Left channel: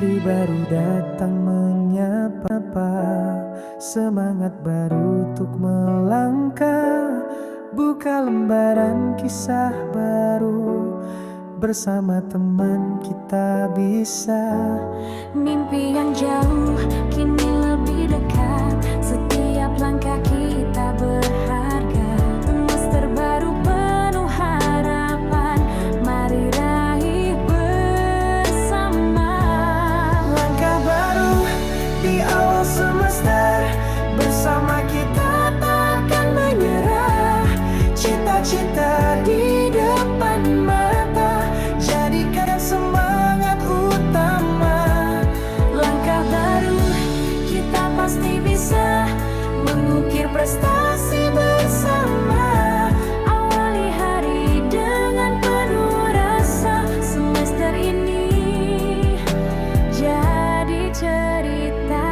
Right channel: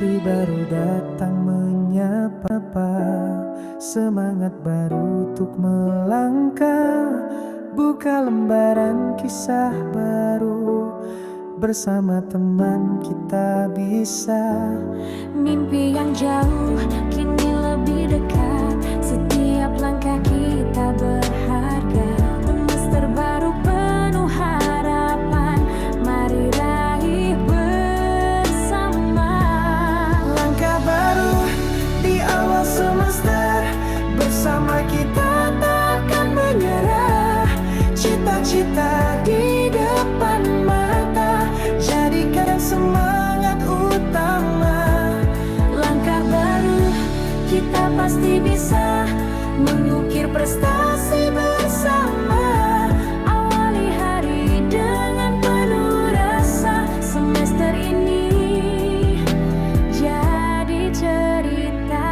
hari baru datang menyapa, semangat baru untuk melangkah, buka lembaran kisah baru, bersama teman kita bisa. Mimpi yang jauh kini lebih dekat, setiap langkah kita berharga. Semester baru penuh harapan, mari raih bersama. Langkah baru di awal semester, bersama kita takkan menyerah. Cita-cita di depan mata, jadikan semangat utama. Langkah baru, kita pasti bisa mengukir prestasi bersama. Awali hari dengan penuh rasa, semester ini jadi cerita.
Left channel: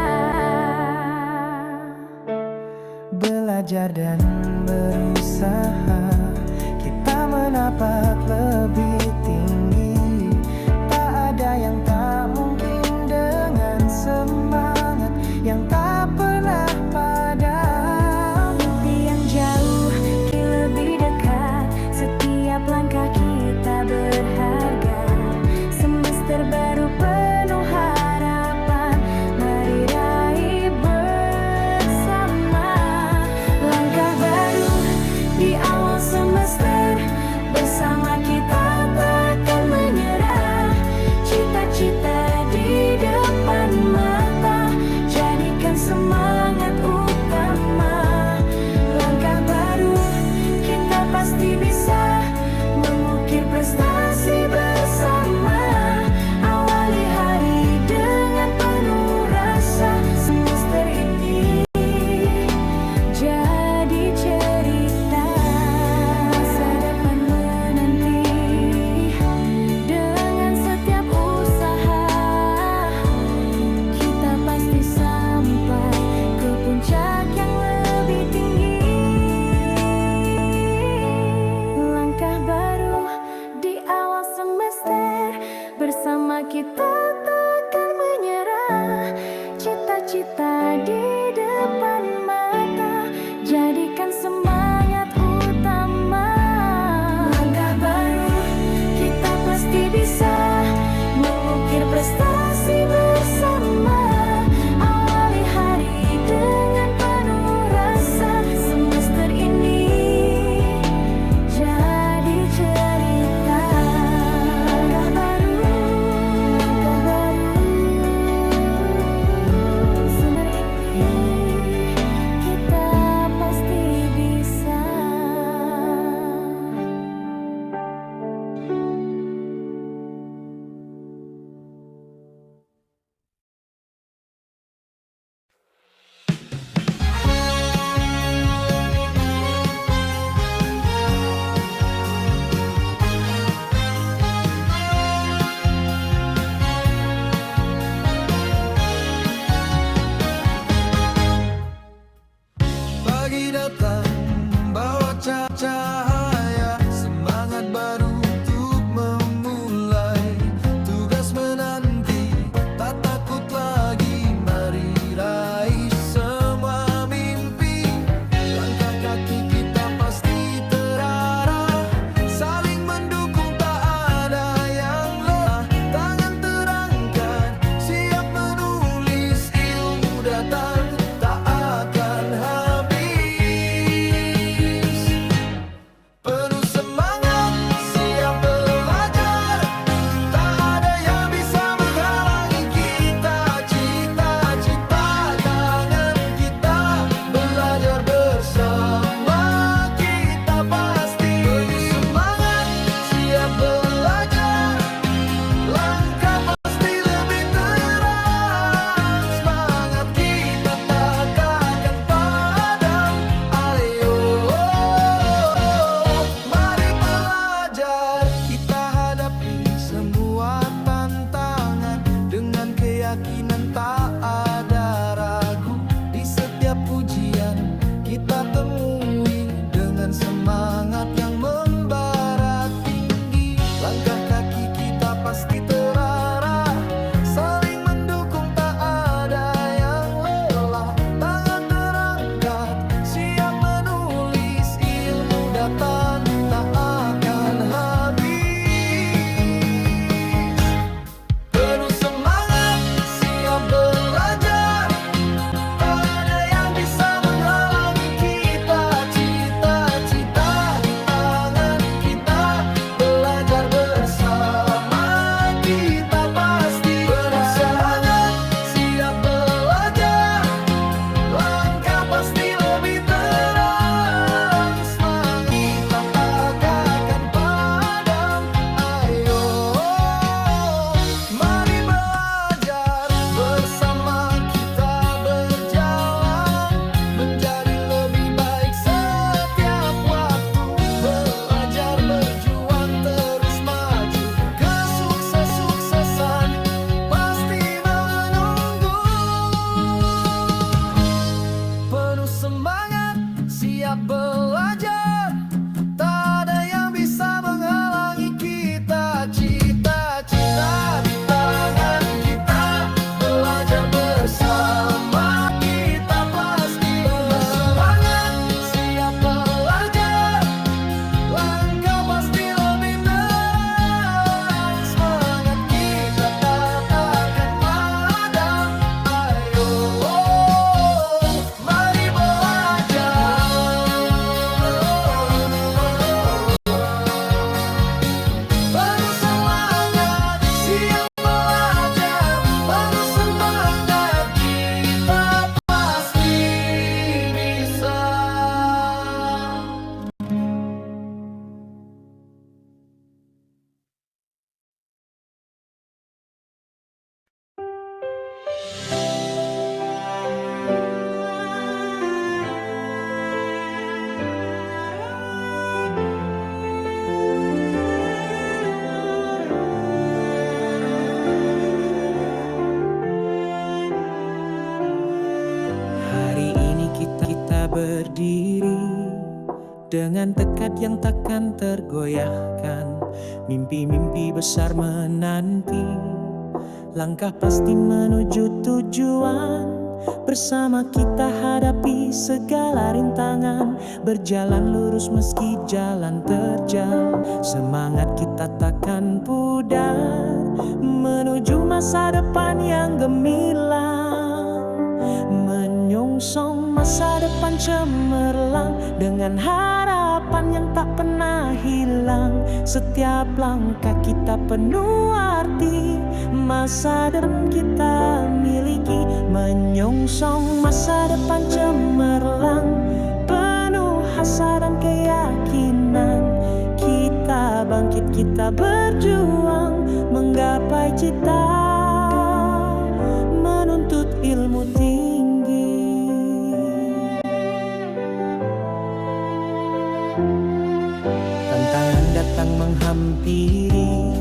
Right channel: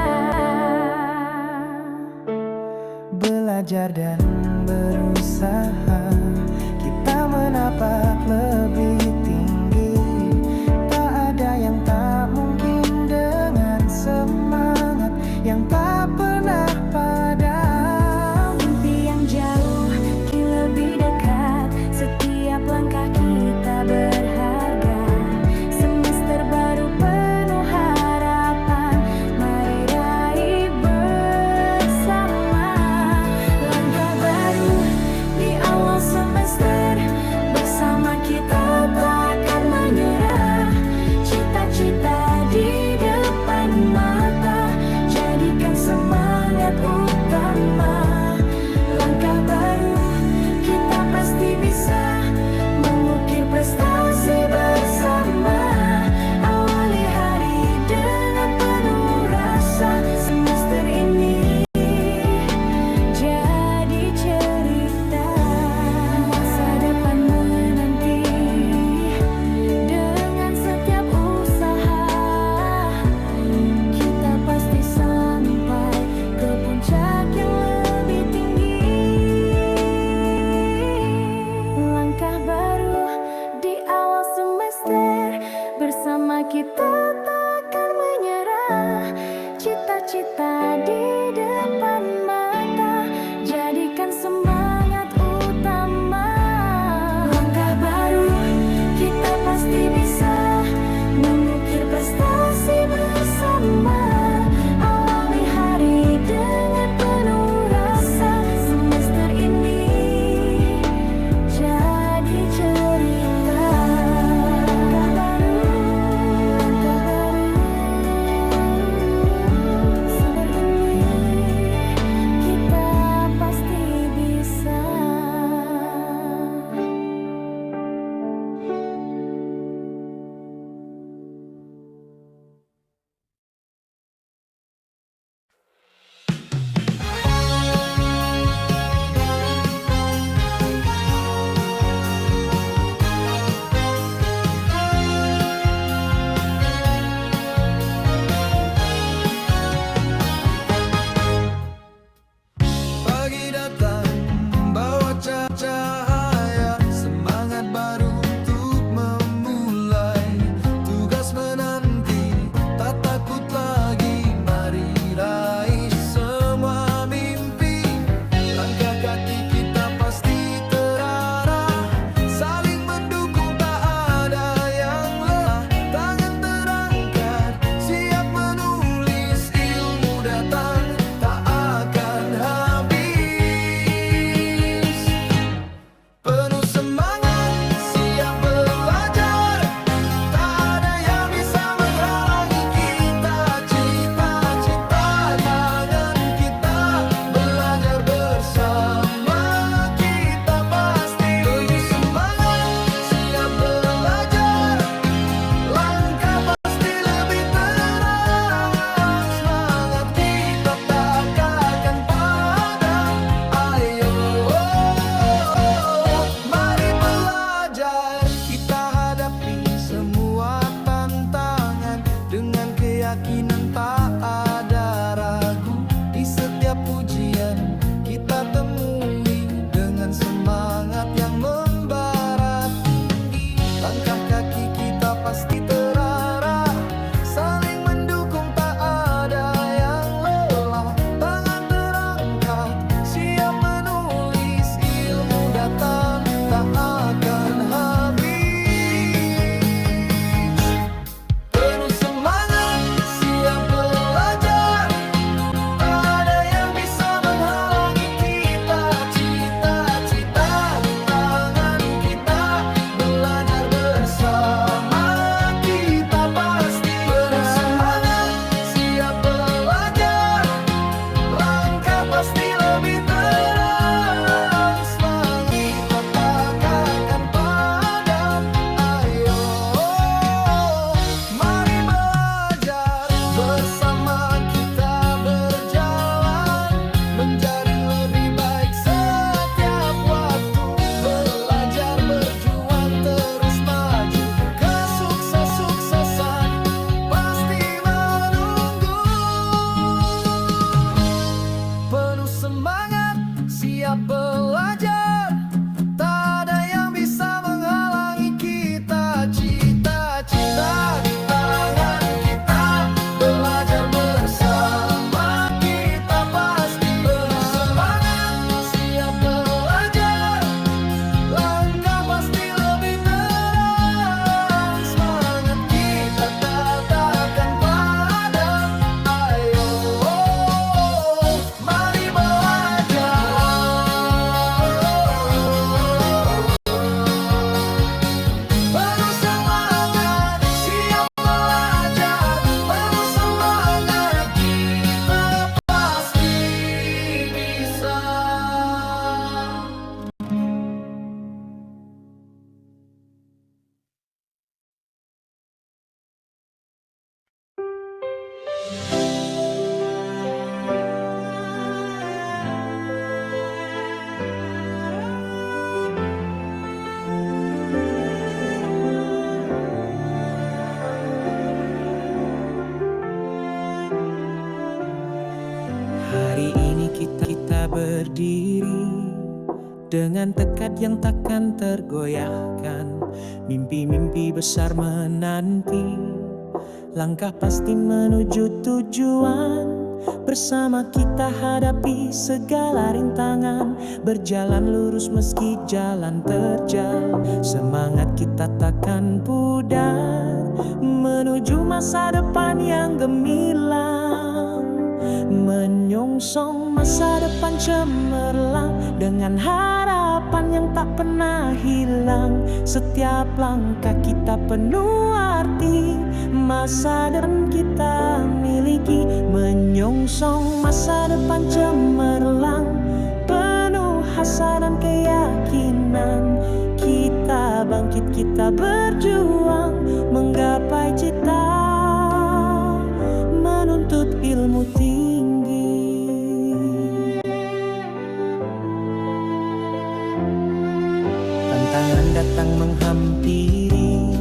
Belajar dan berusaha, kita menapak lebih tinggi. Tak ada yang tak mungkin dengan semangat yang tak pernah padam. Mimpi yang jauh kini lebih dekat, setiap langkah kita berharga. Semester baru penuh harapan, mari raih bersama. Langkah baru di awal semester, bersama kita takkan menyerah. Cita-cita di depan mata, jadikan semangat utama. Langkah baru, kita pasti bisa mengukir prestasi bersama. Awali hari dengan penuh rasa, semester ini jadi cerita. Masa depan menanti, dengan setiap usaha kita pasti sampai ke puncak yang lebih tinggi. Langkah baru di awal semester, bersama kita takkan menyerah. Cita-cita di depan mata, jadikan semangat utama. Langkah baru, kita pasti bisa mengukir prestasi bersama. Awali hari dengan penuh rasa, semester ini jadi cerita. Langkah baru, semester ini kita pasti bisa. Pagi datang bawa cahaya, semangat baru untuk memulai. Tugas menanti, tak takut lagi, mari raih semua mimpi. Langkah kaki kita pasti terarah, saling mendukung tak ada yang lelah. Tangan terangkat, siap menulis, ilmu datang tak akan habis. Penuh semangat, siap belajar, tak ada yang bisa menghalangi kita. Cita-cita tangan kita, belajar bersama kita pasti. Penuh semangat, siap belajar, langkah pasti lebih terang. Semangat kita tak akan padam. Ayo, mari belajar, kita hadapi semua tantangan dengan keyakinan tak ada ragu. Di setiap ujian kita temui dengan semangat yang membara tinggi. Langkah kaki kita pasti terarah, saling datang tak akan habis. Penuh semangat, siap belajar, tak ada yang bisa menghalangi kita. Cita-cita di tangan kita, belajar bersama kita pasti. Penuh semangat, siap belajar, langkah pasti lebih terang. Semangat kita tak akan padam. Ayo, mari belajar bersama kita, berjalan menjadi lebih baik setiap waktu. Belajar, berjuang, terus maju, kesuksesan pasti menunggu. Penuh semangat, siap belajar, tak ada yang bisa menghalangi kita. Cita-cita di tangan kita, belajar bersama kita pasti. Penuh semangat, siap belajar, langkah pasti lebih terang. Semangat kita tak akan padam. Ayo, mari belajar. Penuh semangat, siap belajar, penuh semangat, kita pasti bisa. Hari ini kita berdiri dengan tekad yang takkan tergoyahkan. Mimpi-mimpi besar menanti, langkah pasti menuju tujuan. Bersama kita hadapi segala rintangan, berjalan lurus meski jalan terjal. Semangat kita takkan pudar, menuju masa depan yang gemilang. Menyongsong masa depan cemerlang, dengan harapan yang tak pernah hilang. Setiap langkah kita penuh arti, masa depan kita miliki. Menyongsong masa depan cemerlang, penuh asa dan keyakinan. Kita bangkit, kita berjuang, menggapai cita, menuntut ilmu tinggi. Tantangan datang menghampiri,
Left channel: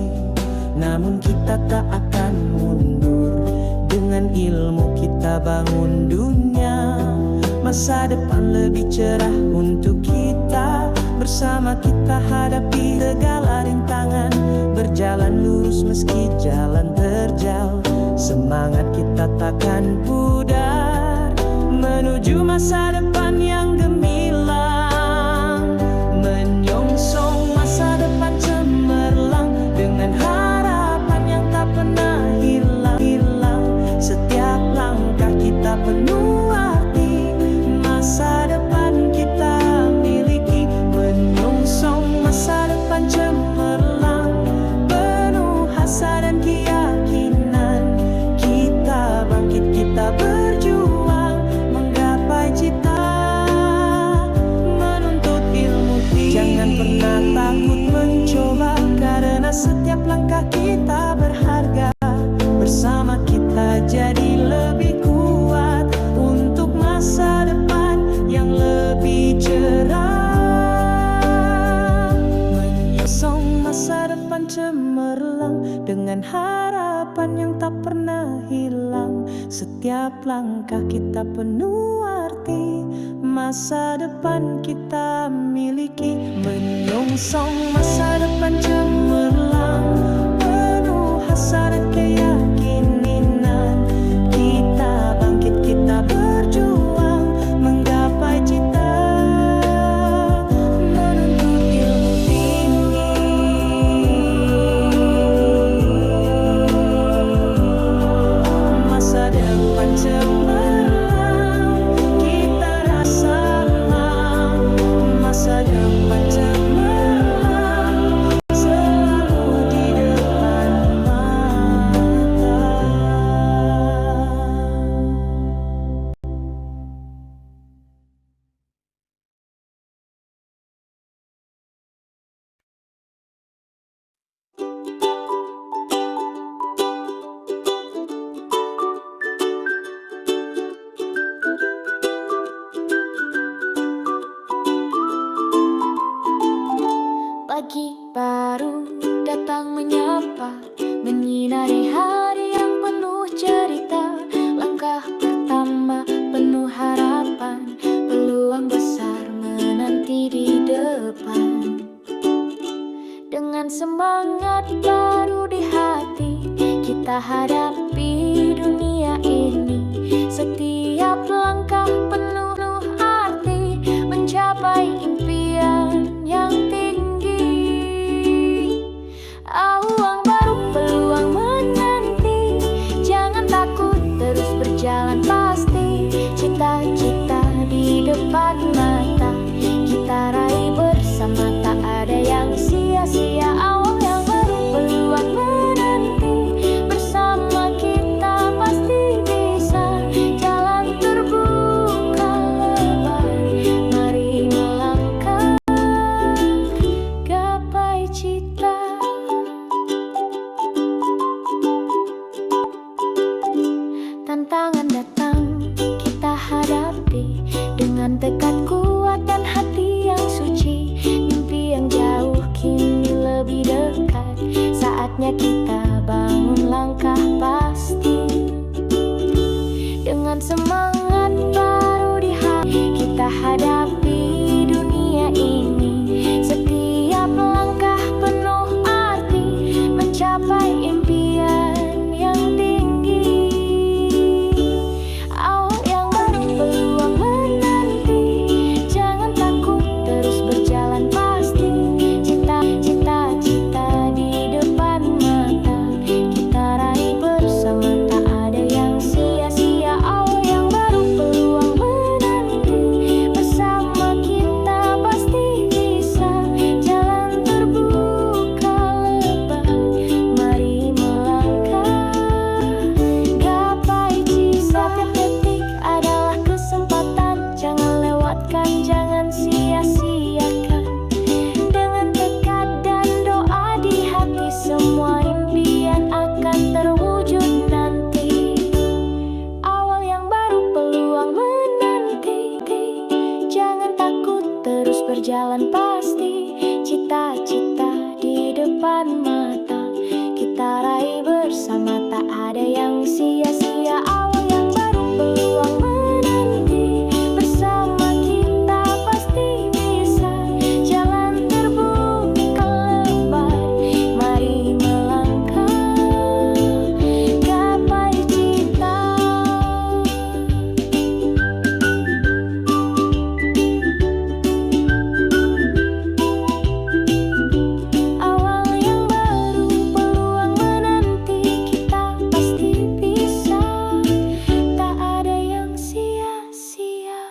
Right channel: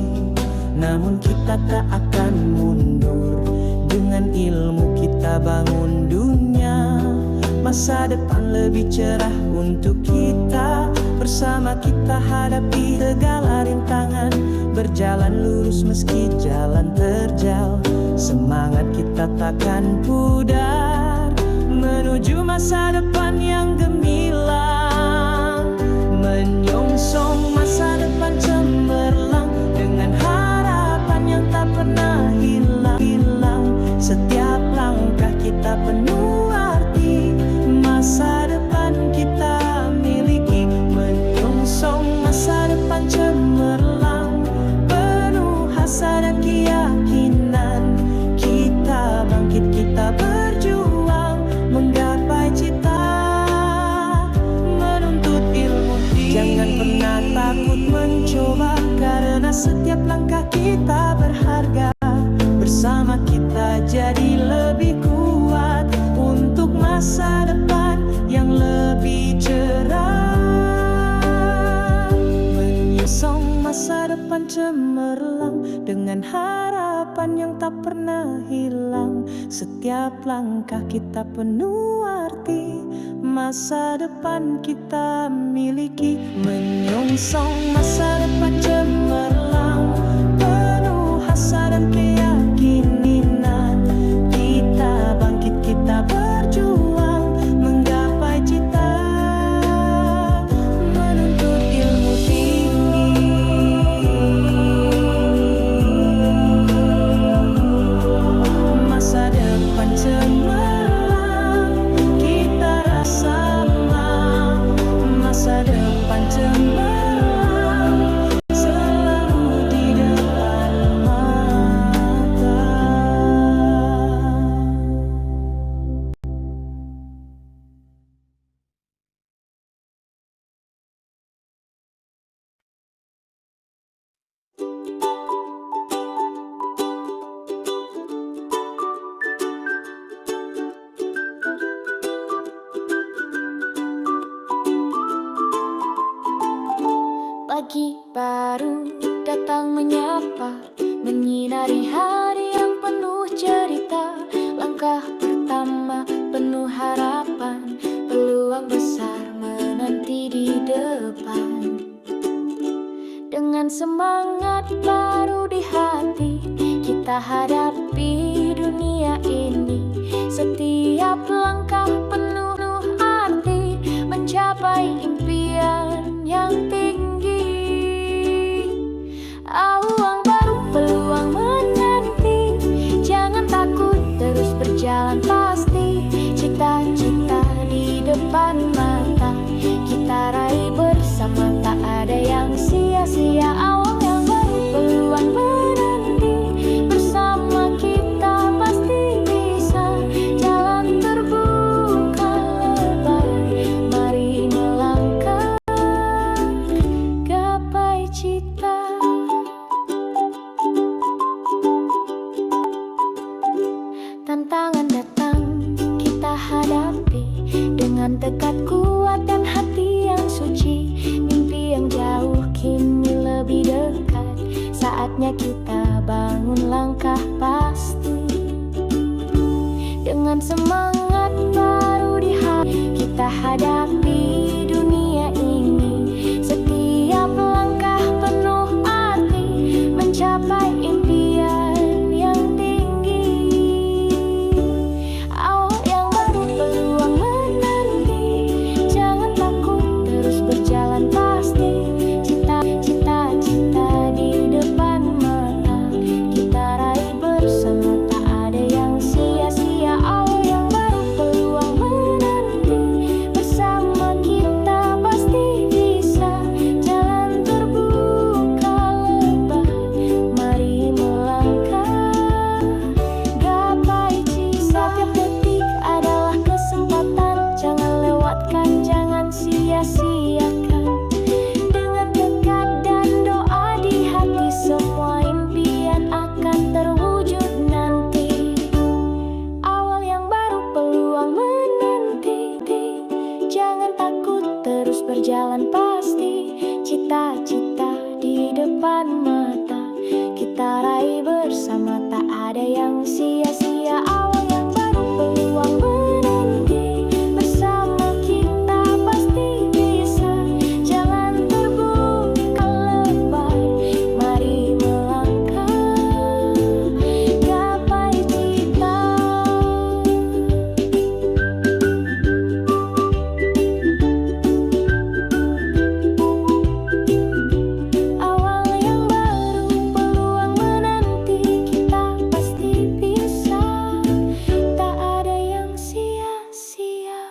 namun kita tak akan mundur. Dengan ilmu kita bangun dunia, masa depan lebih cerah untuk kita. Bersama kita hadapi segala rintangan, berjalan lurus meski jalan terjal. Semangat kita takkan pudar, menuju masa depan yang gemilang. Menyongsong masa depan cemerlang, dengan harapan yang tak pernah hilang. Setiap langkah kita penuh arti, masa depan kita miliki. Menyongsong masa depan cemerlang, penuh asa dan keyakinan. Kita bangkit, kita berjuang, menggapai cita, menuntut ilmu tinggi. Jangan pernah takut mencoba, karena setiap langkah kita berharga. Bersama kita jadi lebih kuat, untuk masa depan yang lebih cerah. Menyongsong masa depan cemerlang, dengan harapan yang tak pernah hilang. Setiap langkah kita penuh arti, masa depan kita miliki. Menyongsong masa depan cemerlang, penuh asa dan keyakinan. Kita bangkit, kita berjuang, menggapai cita, menuntut masa depan cemerlang selalu di depan mata. Pagi baru datang menyapa, menyinari hari yang penuh cerita. Langkah pertama penuh harapan, peluang besar menanti di depan. Dengan semangat baru di hati, kita hadapi dunia ini. Setiap langkah penuh arti, mencapai impian yang tinggi. Awang baru, peluang menanti. Jangan takut, terus berjalan pasti. Cita-cita di depan mata, kita raih bersama, tak ada yang sia-sia. Awang yang baru, peluang menanti. Bersama kita pasti bisa. Jalan terbuka lebar, mari melangkah, gapai cita. Tantangan datang, kita hadapi dengan tekad kuat dan hati yang suci. Mimpi yang jauh kini lebih dekat, saatnya kita bangun langkah pasti. Dengan semangat baru di hati, kita hadapi dunia ini. Setiap langkah penuh arti, mencapai impian yang tinggi. Awal yang baru, peluang menanti. Jangan takut, terus berjalan pasti. Cita-cita di depan mata, kita raih bersama, tak ada yang sia-sia. Awal yang baru, peluang menanti. Bersama kita pasti bisa. Jalan terbuka lebar, mari melangkah, gapai cita. Setiap detik adalah kesempatan, jangan lewatkan, jangan sia-siakan. Dengan tekad dan doa di hati, semua impian akan terwujud nanti. Awal yang baru, peluang menanti. Jangan takut, terus berjalan pasti. Cita-cita di depan mata, kita raih bersama, tak ada yang sia-sia. Awal yang baru, peluang menanti. Bersama kita pasti bisa. Jalan terbuka lebar, mari melangkah, gapai cita. Awal yang baru, peluang menanti. Kita pasti bisa, tak ada yang sia-sia.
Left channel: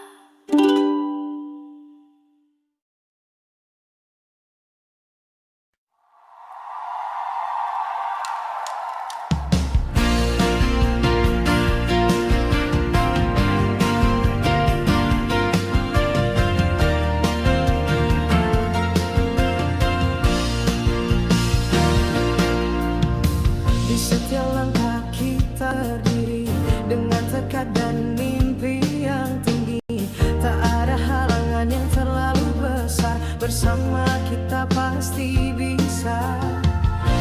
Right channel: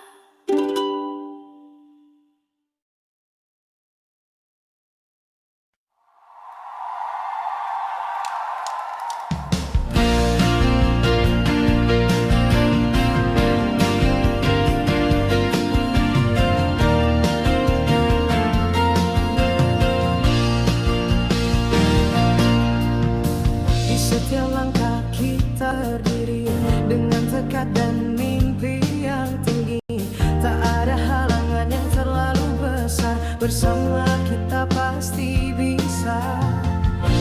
Di setiap langkah kita berdiri dengan tekad dan mimpi yang tinggi. Tak ada halangan yang terlalu besar, bersama kita pasti bisa.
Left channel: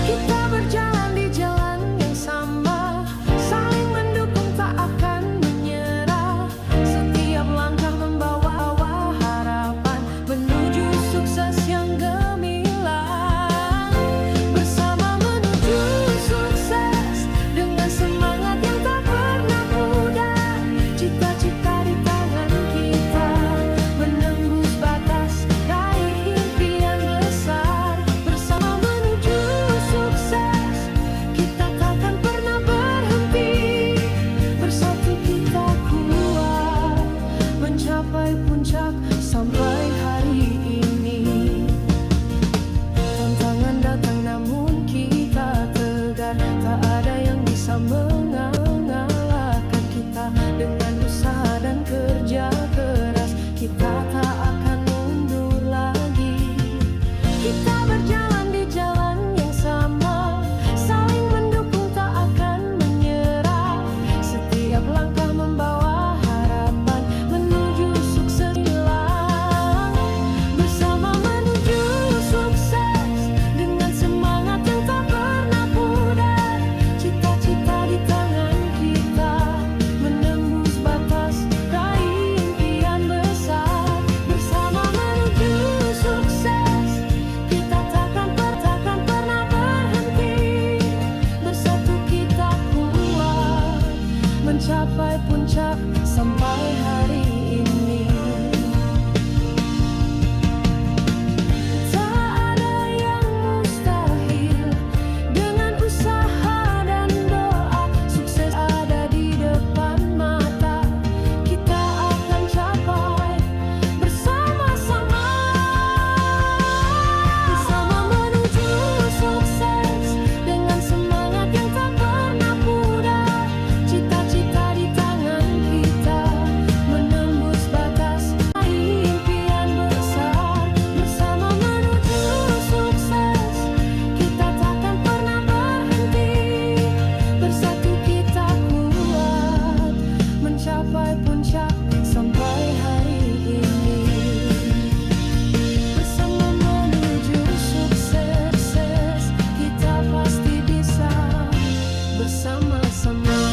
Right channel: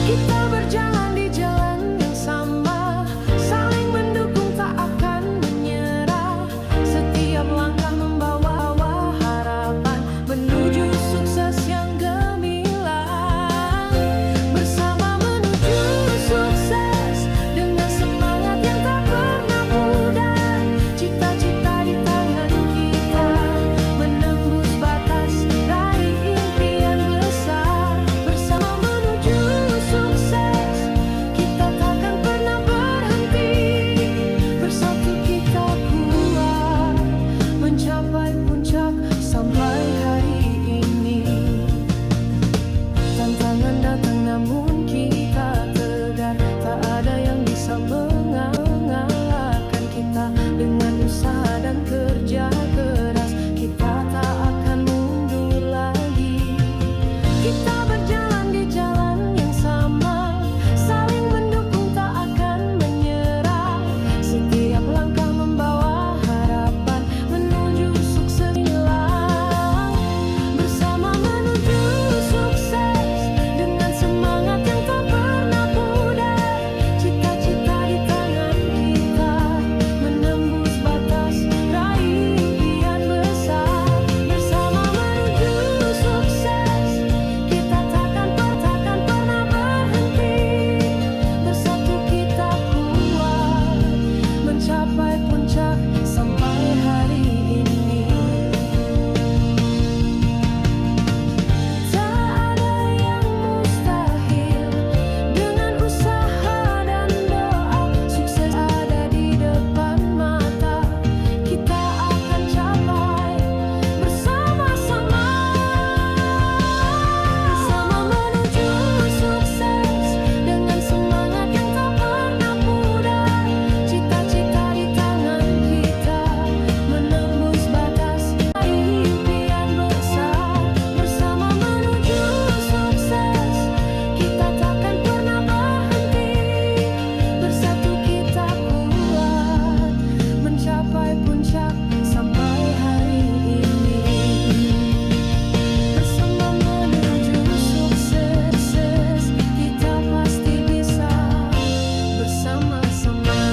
Kita berjalan di jalan yang sama, saling mendukung, tak akan menyerah. Setiap langkah membawa harapan menuju sukses yang gemilang. Bersama menuju sukses dengan semangat yang tak pernah pudar. Cita-cita di tangan kita, menembus batas, raih impian besar. Bersama menuju sukses, kita takkan pernah berhenti. Bersatu kita kuat, mencapai puncak sampai hari ini. bisa mengalahkan kita. Dengan usaha dan kerja keras, kita tak akan mundur lagi. Kita berjalan di jalan yang sama, saling mendukung, tak akan menyerah. Setiap langkah membawa harapan menuju sukses hilang. Bersama menuju sukses dengan semangat yang tak pernah pudar. Cita-cita di tangan kita, menembus batas, raih impian besar. Bersama menuju sukses, kita takkan pernah berhenti. Bersatu kita kuat, mencapai puncak sampai hari ini. Tak ada yang mustahil, dengan usaha dan doa. Sukses ada di depan mata, kita akan capai bersama-sama. Bersama menuju sukses dengan semangat yang tak pernah pudar. Cita-cita di tangan kita, menembus batas, raih impian besar. Bersama menuju sukses, kita takkan pernah berhenti. Bersatu kita kuat, mencapai puncak sampai hari ini. Bersama menuju sukses, kita pasti bisa bersama-sama.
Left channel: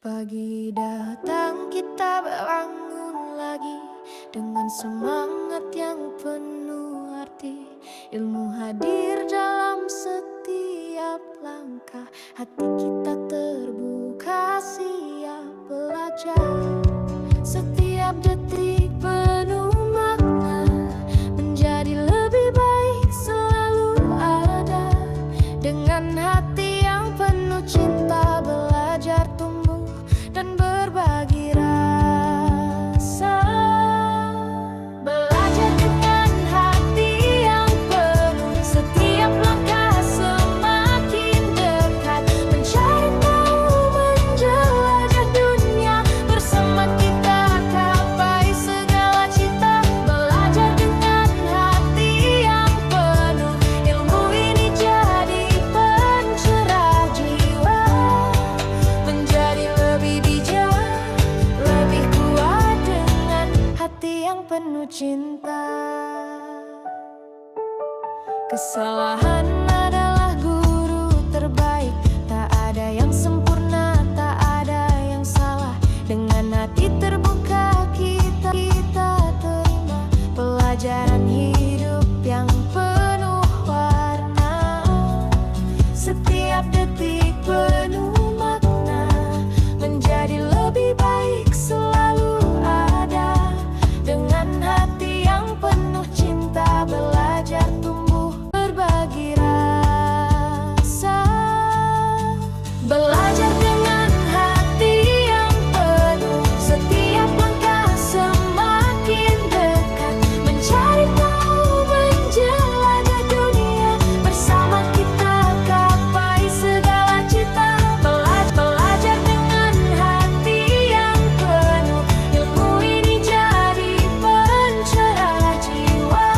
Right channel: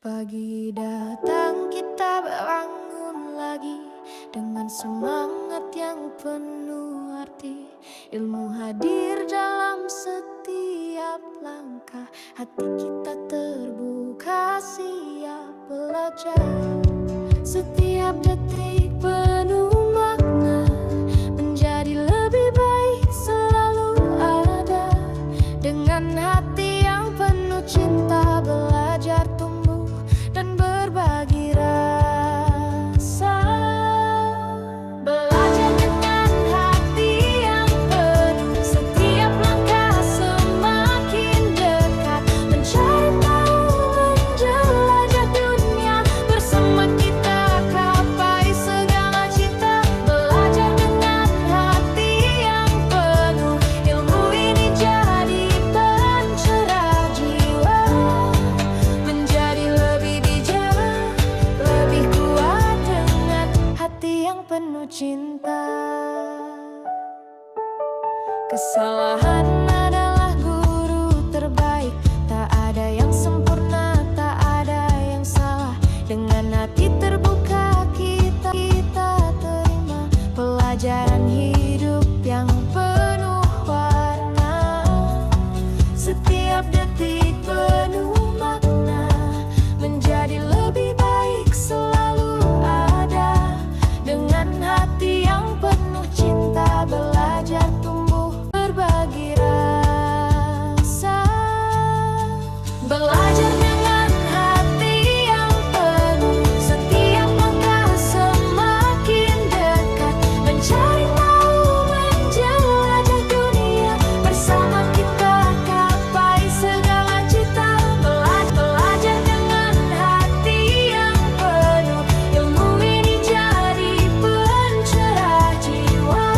Pagi datang, kita bangun lagi dengan semangat yang penuh arti. Ilmu hadir dalam setiap langkah, hati kita terbuka siap belajar. Setiap detik penuh makna, menjadi lebih baik selalu ada. Dengan hati yang penuh cinta, belajar tumbuh dan berbagi rasa. Belajar dengan hati yang penuh, setiap langkah semakin dekat. Mencari tahu, menjelajah dunia, bersama kita capai segala cita. Belajar dengan hati yang penuh, ilmu ini jadi pencerah jiwa. Menjadi lebih bijak, lebih kuat dengan hati yang penuh cinta. Kesalahan adalah guru terbaik, tak ada yang sempurna, tak ada yang salah. Dengan hati terbuka kita terima pelajaran hidup yang penuh warna. Setiap detik penuh makna, menjadi lebih baik selalu ada. Dengan hati yang penuh cinta, belajar tumbuh berbagi rasa. Belajar dengan hati yang penuh, setiap langkah semakin dekat. Mencari tahu, menjelajah dunia, bersama kita capai segala cita. Belajar dengan hati yang penuh, ilmu ini jadi pencerah jiwa.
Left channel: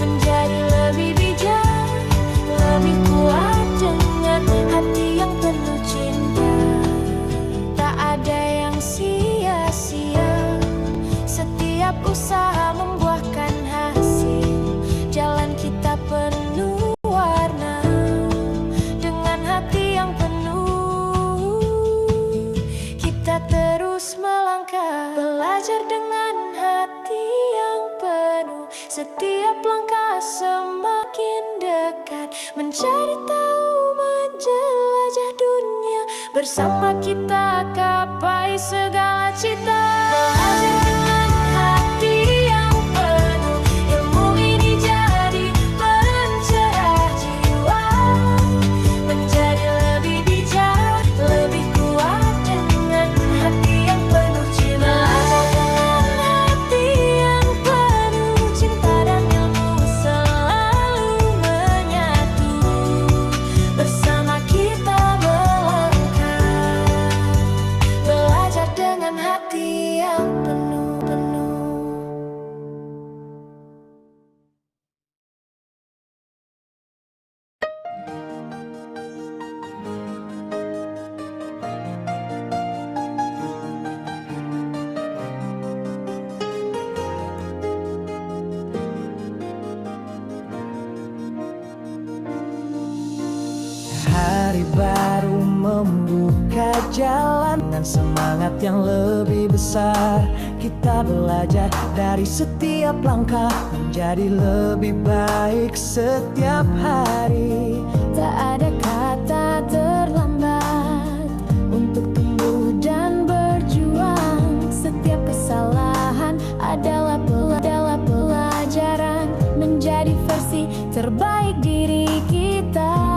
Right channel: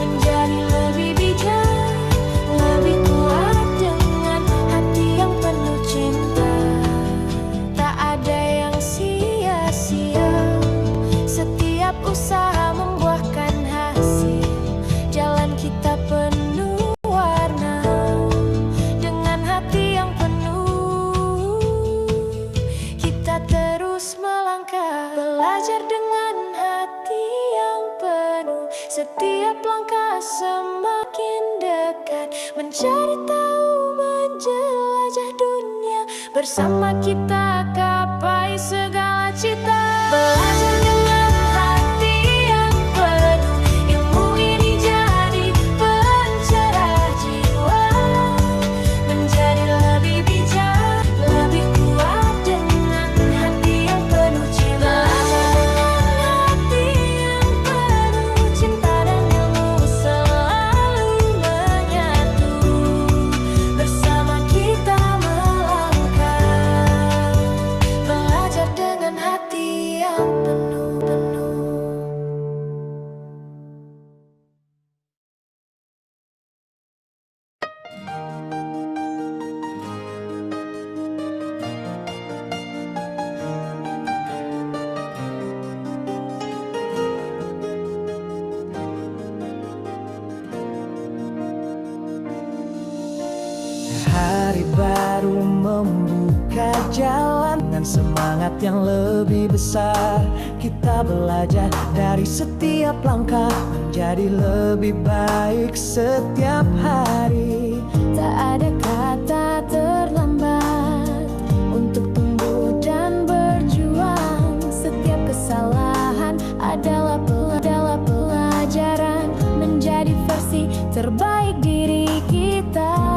Menjadi lebih bijak, lebih kuat dengan hati yang penuh cinta. Tak ada yang sia-sia, setiap usaha membuahkan hasil. Jalan kita penuh warna, dengan hati yang penuh kita terus melangkah. Belajar dengan hati yang penuh, setiap langkah semakin dekat. Mencari tahu, menjelajah dunia, bersama kita capai segala cita. Belajar dengan hati yang penuh, ilmu ini jadi dengan hati yang penuh-penuh. Hari baru membuka jalan dengan semangat yang lebih besar. Kita belajar dari setiap langkah menjadi lebih baik setiap hari. Tak ada kata terlambat untuk tumbuh dan berjuang. Setiap kesalahan adalah pelajaran menjadi versi terbaik diri kita.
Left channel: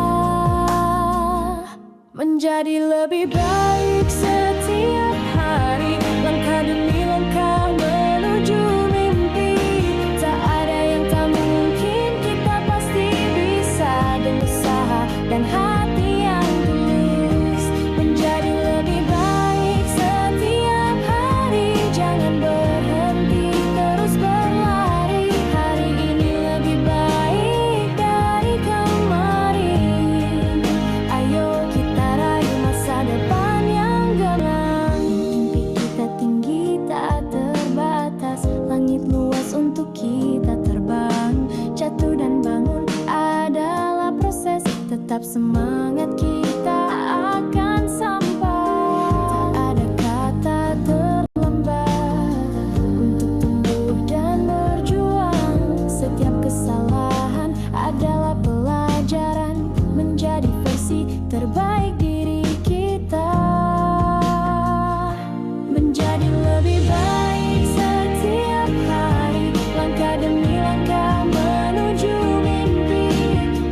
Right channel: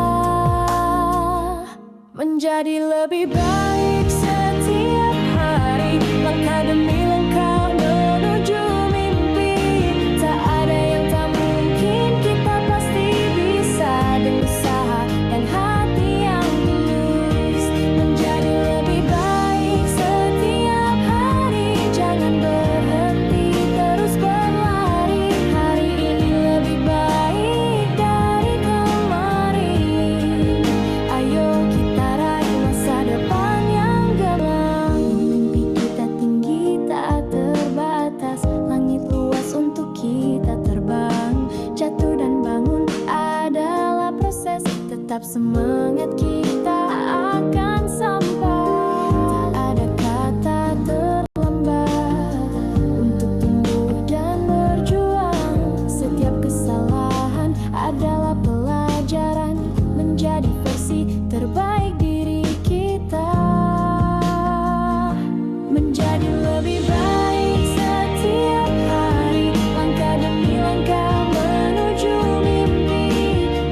Menjadi lebih baik setiap hari, langkah demi langkah menuju mimpi. Tak ada yang tak mungkin, kita pasti bisa dengan usaha dan hati yang tulus. Menjadi lebih baik setiap hari, jangan berhenti, terus berlari. Hari ini lebih baik dari kemarin. Ayo kita raih masa depan yang gemilang. Mimpi kita tinggi tak terbatas, langit luas untuk kita terbang. Jatuh dan bangun adalah proses, tetap semangat kita akan sampai. Tak ada kata terlambat untuk tumbuh dan berjuang. Setiap kesalahan adalah pelajaran menjadi versi terbaik diri kita. Menjadi lebih baik setiap hari, langkah demi langkah menuju mimpi.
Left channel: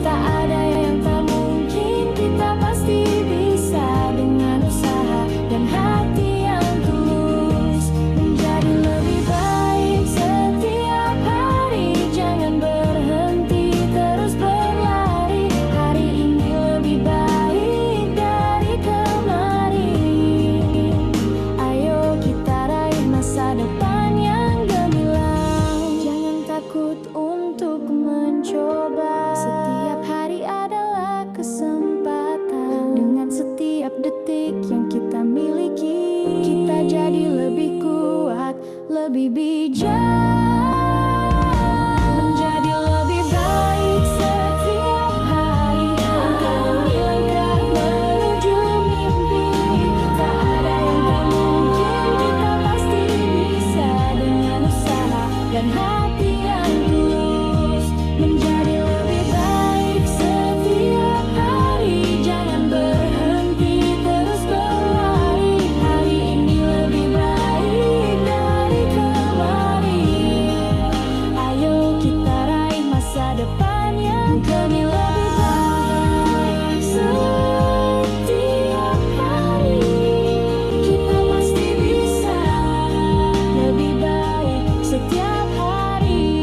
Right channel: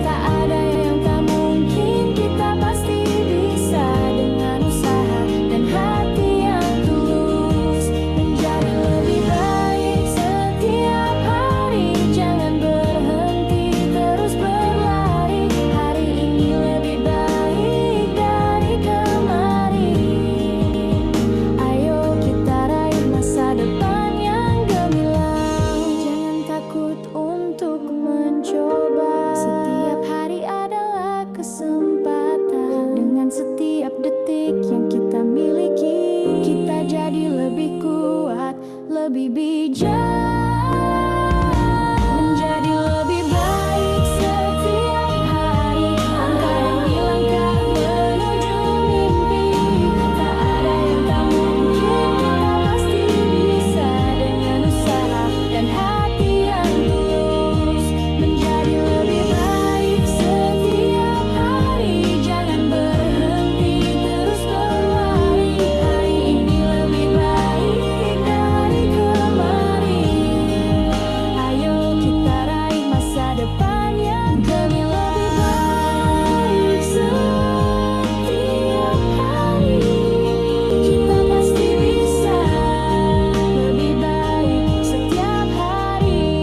Tak ada yang tak mungkin, kita pasti bisa dengan usaha dan hati yang tulus. Menjadi lebih baik setiap hari, jangan berhenti, terus berlari. Hari ini lebih baik dari kemarin. Ayo kita raih masa depan yang gemilang. Jangan takut untuk mencoba. Setiap hari adalah kesempatan. Dengan setiap detik yang kita miliki, kita jadi lebih kuat, lebih bijak. Menjadi lebih baik setiap hari, langkah demi langkah menuju mimpi. Tak ada yang tak mungkin, kita pasti bisa dengan usaha dan hati yang tulus. Menjadi lebih baik setiap hari, jangan berhenti, terus berlari. Hari ini lebih baik dari kemarin. Ayo kita raih masa depan yang gemilang. Lebih baik setiap hari, kita pasti bisa lebih baik setiap hari.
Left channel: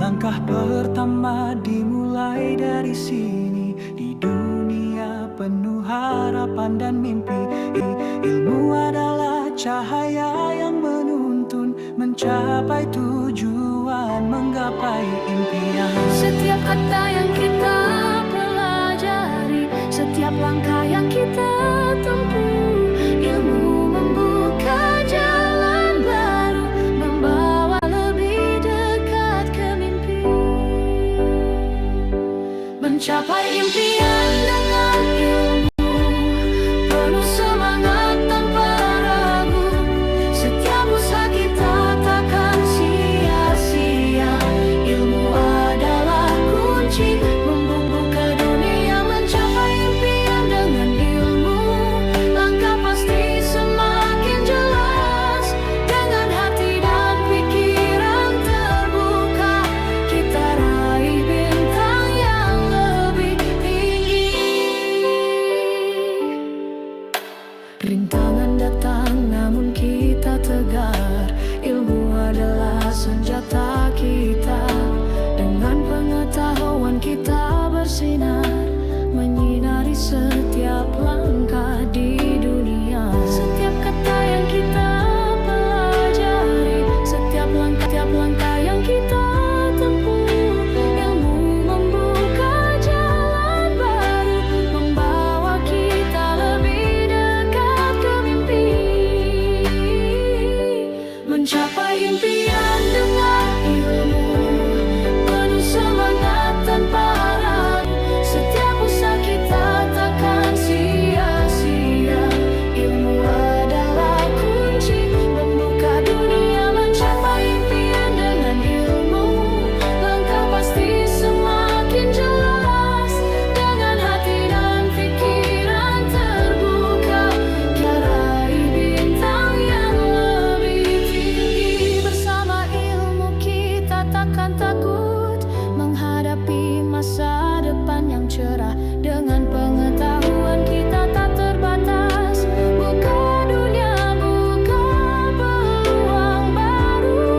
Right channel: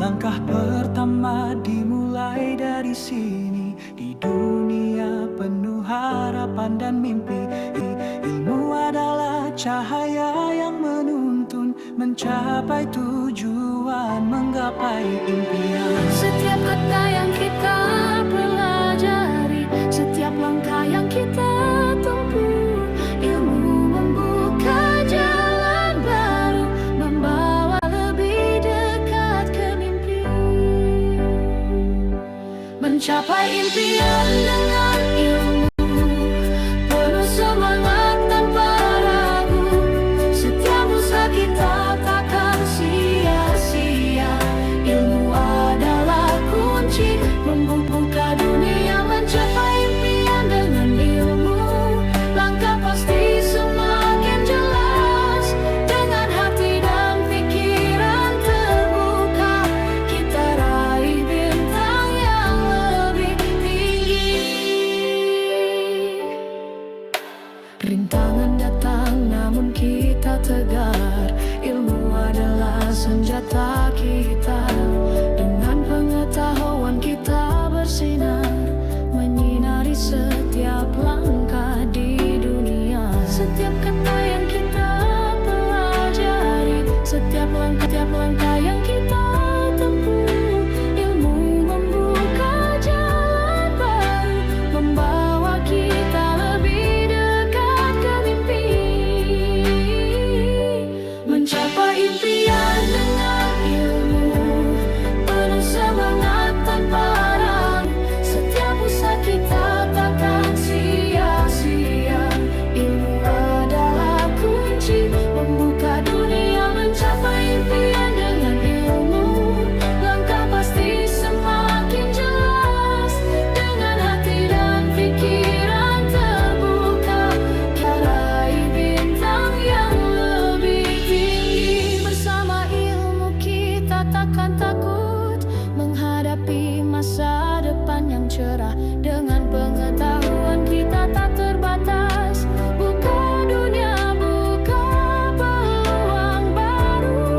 Langkah pertama dimulai dari sini. Di dunia penuh harapan dan mimpi, ilmu adalah cahaya yang menuntun mencapai tujuan, menggapai impian. Setiap kata yang kita pelajari, setiap langkah yang kita tempuh, ilmu membuka jalan baru, membawa lebih dekat ke mimpi. Mencapai impian dengan ilmu, penuh semangat tanpa ragu. Setiap usaha kita takkan sia-sia. Ilmu adalah kunci membuka dunia, mencapai impian dengan ilmu. Langkah pasti semakin jelas, dengan hati dan pikiran terbuka, kita raih bintang yang lebih tinggi. Rintangan datang namun kita tegar. Ilmu adalah senjata kita. Dengan pengetahuan kita bersinar, menyinari setiap langkah di dunia. Setiap kata yang kita pelajari, setiap langkah yang kita tempuh, ilmu membuka jalan baru, membawa kita lebih dekat ke mimpi. Mencapai impian dengan ilmu, penuh semangat tanpa ragu. Setiap usaha kita takkan sia-sia. Ilmu adalah kunci membuka dunia. Mencapai impian dengan ilmu, langkah pasti semakin jelas. Dengan hati dan pikiran terbuka, kita raih bintang yang lebih tinggi. Bersama ilmu kita takkan takut menghadapi masa depan yang cerah. Dengan pengetahuan kita tak terbatas. Buka dunia, buka peluang baru.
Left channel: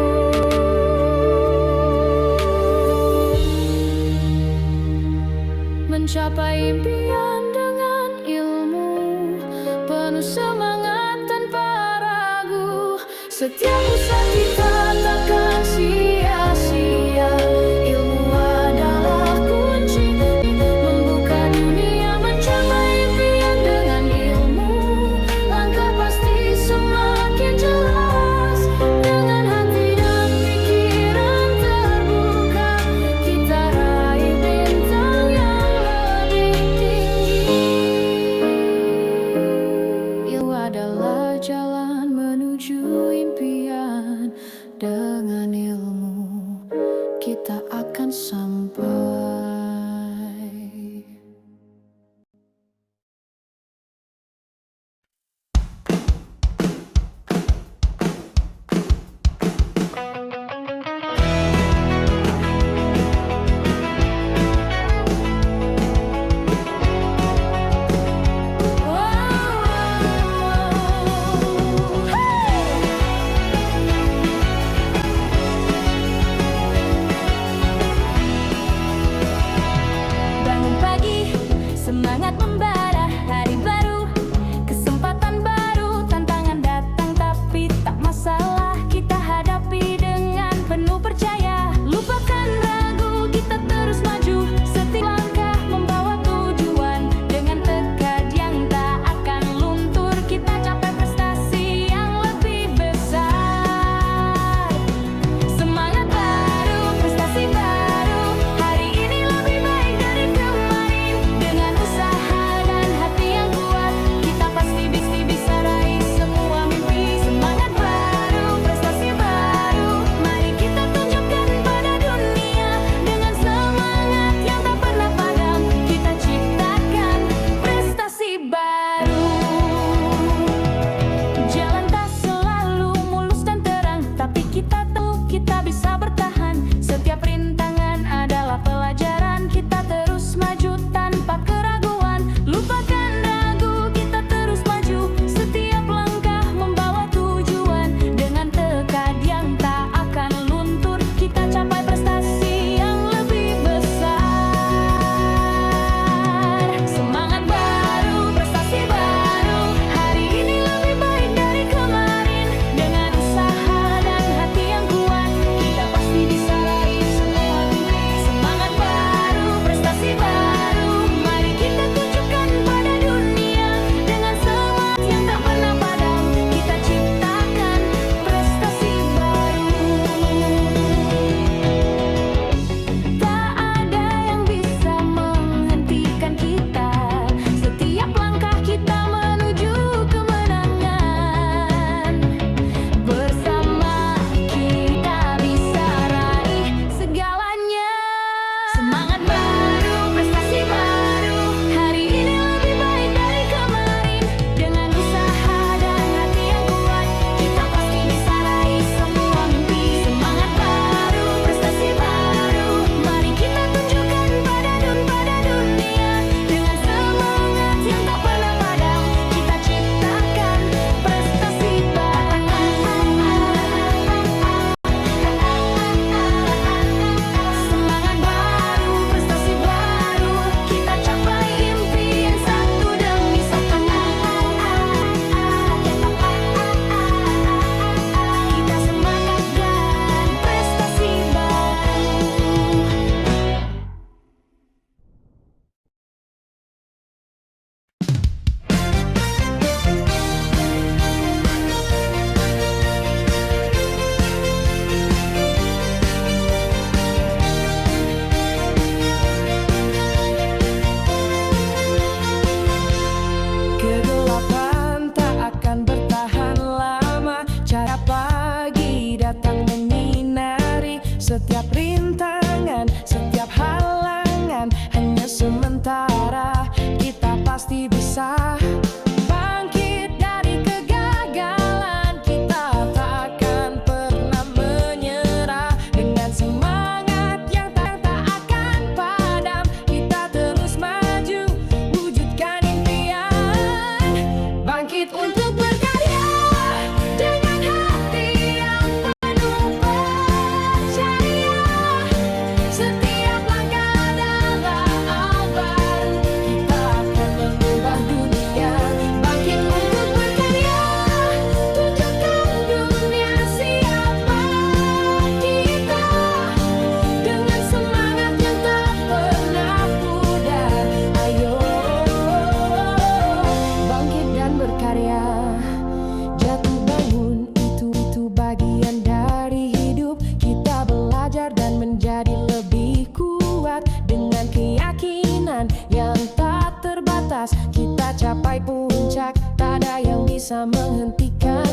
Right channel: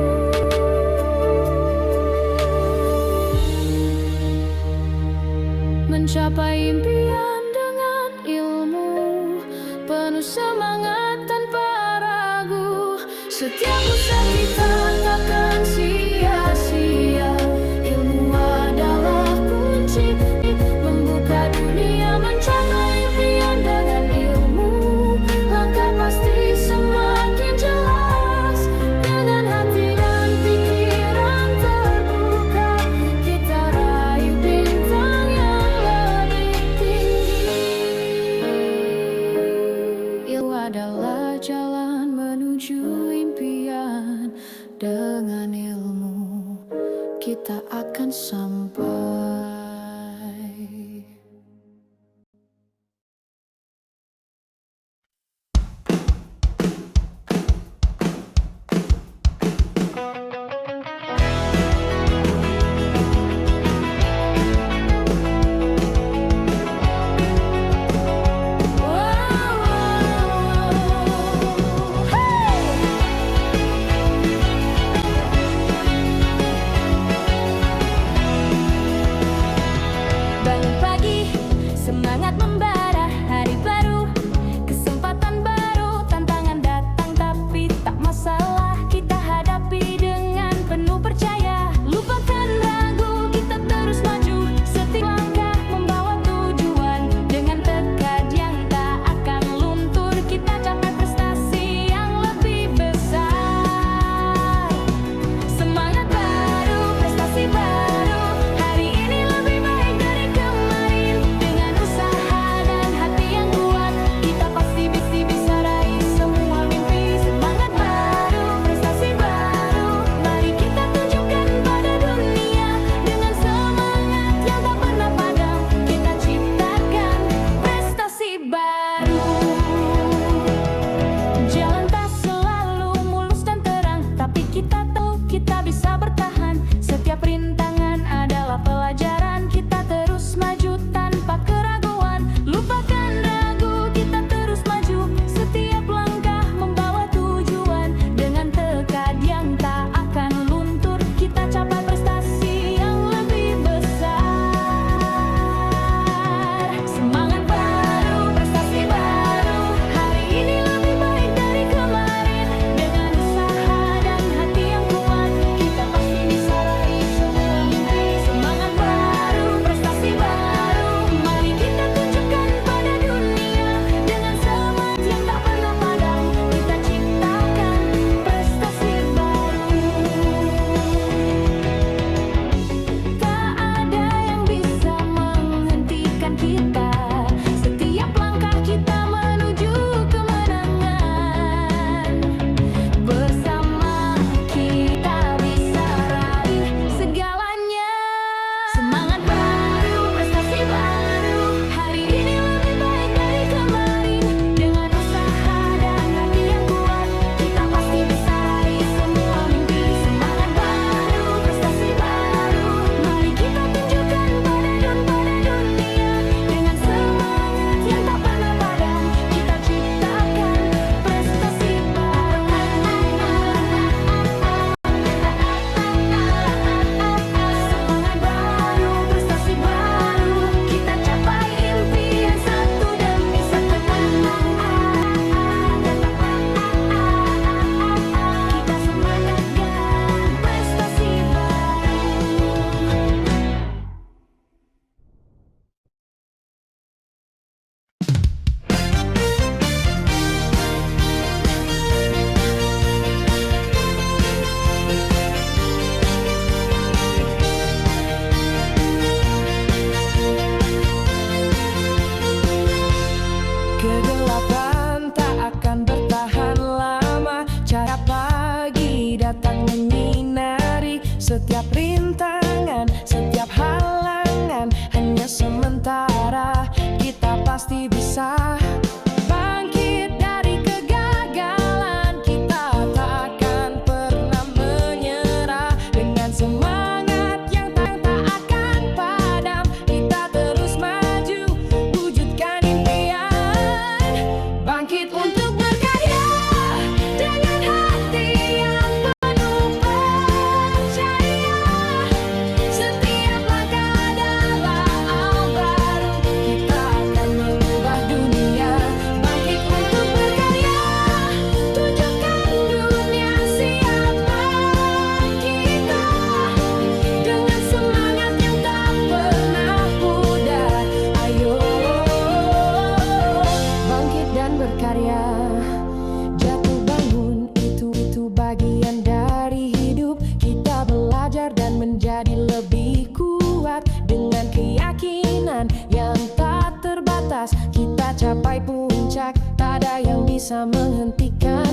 Mencapai impian dengan ilmu, penuh semangat tanpa ragu. Setiap usaha kita takkan sia-sia. Ilmu adalah kunci membuka dunia. Mencapai impian dengan ilmu, langkah pasti semakin jelas. Dengan hati dan pikiran terbuka, kita raih bintang yang lebih tinggi. Ilmu adalah jalan menuju impian. Dengan ilmu kita akan sampai. Kegelapan tak akan bertahan lama. Cahaya pagi datang menyinari setiap rintangan, setiap halangan hanya sementara. Kita pasti bisa bangkit dari kegagalan. Kita tak akan pernah menyerah. Dengan semangat yang tak akan padam, kita terus maju, wujudkan impian. Bangkit untuk berkarya dengan hati yang penuh percaya. Setiap langkah adalah awal baru, kita akan mengubah dunia. Bangkit untuk berkarya, tunjukkan dunia siapa kita. Dengan semangat yang tak pernah pudar, ayo bangkit dan berkarya. Jatuh bangun itu bagian dari hidup. Kita belajar dan menjadi lebih kuat. Dengan keyakinan yang tak terbatas, kita capai puncak. Tak ada yang bisa menghentikan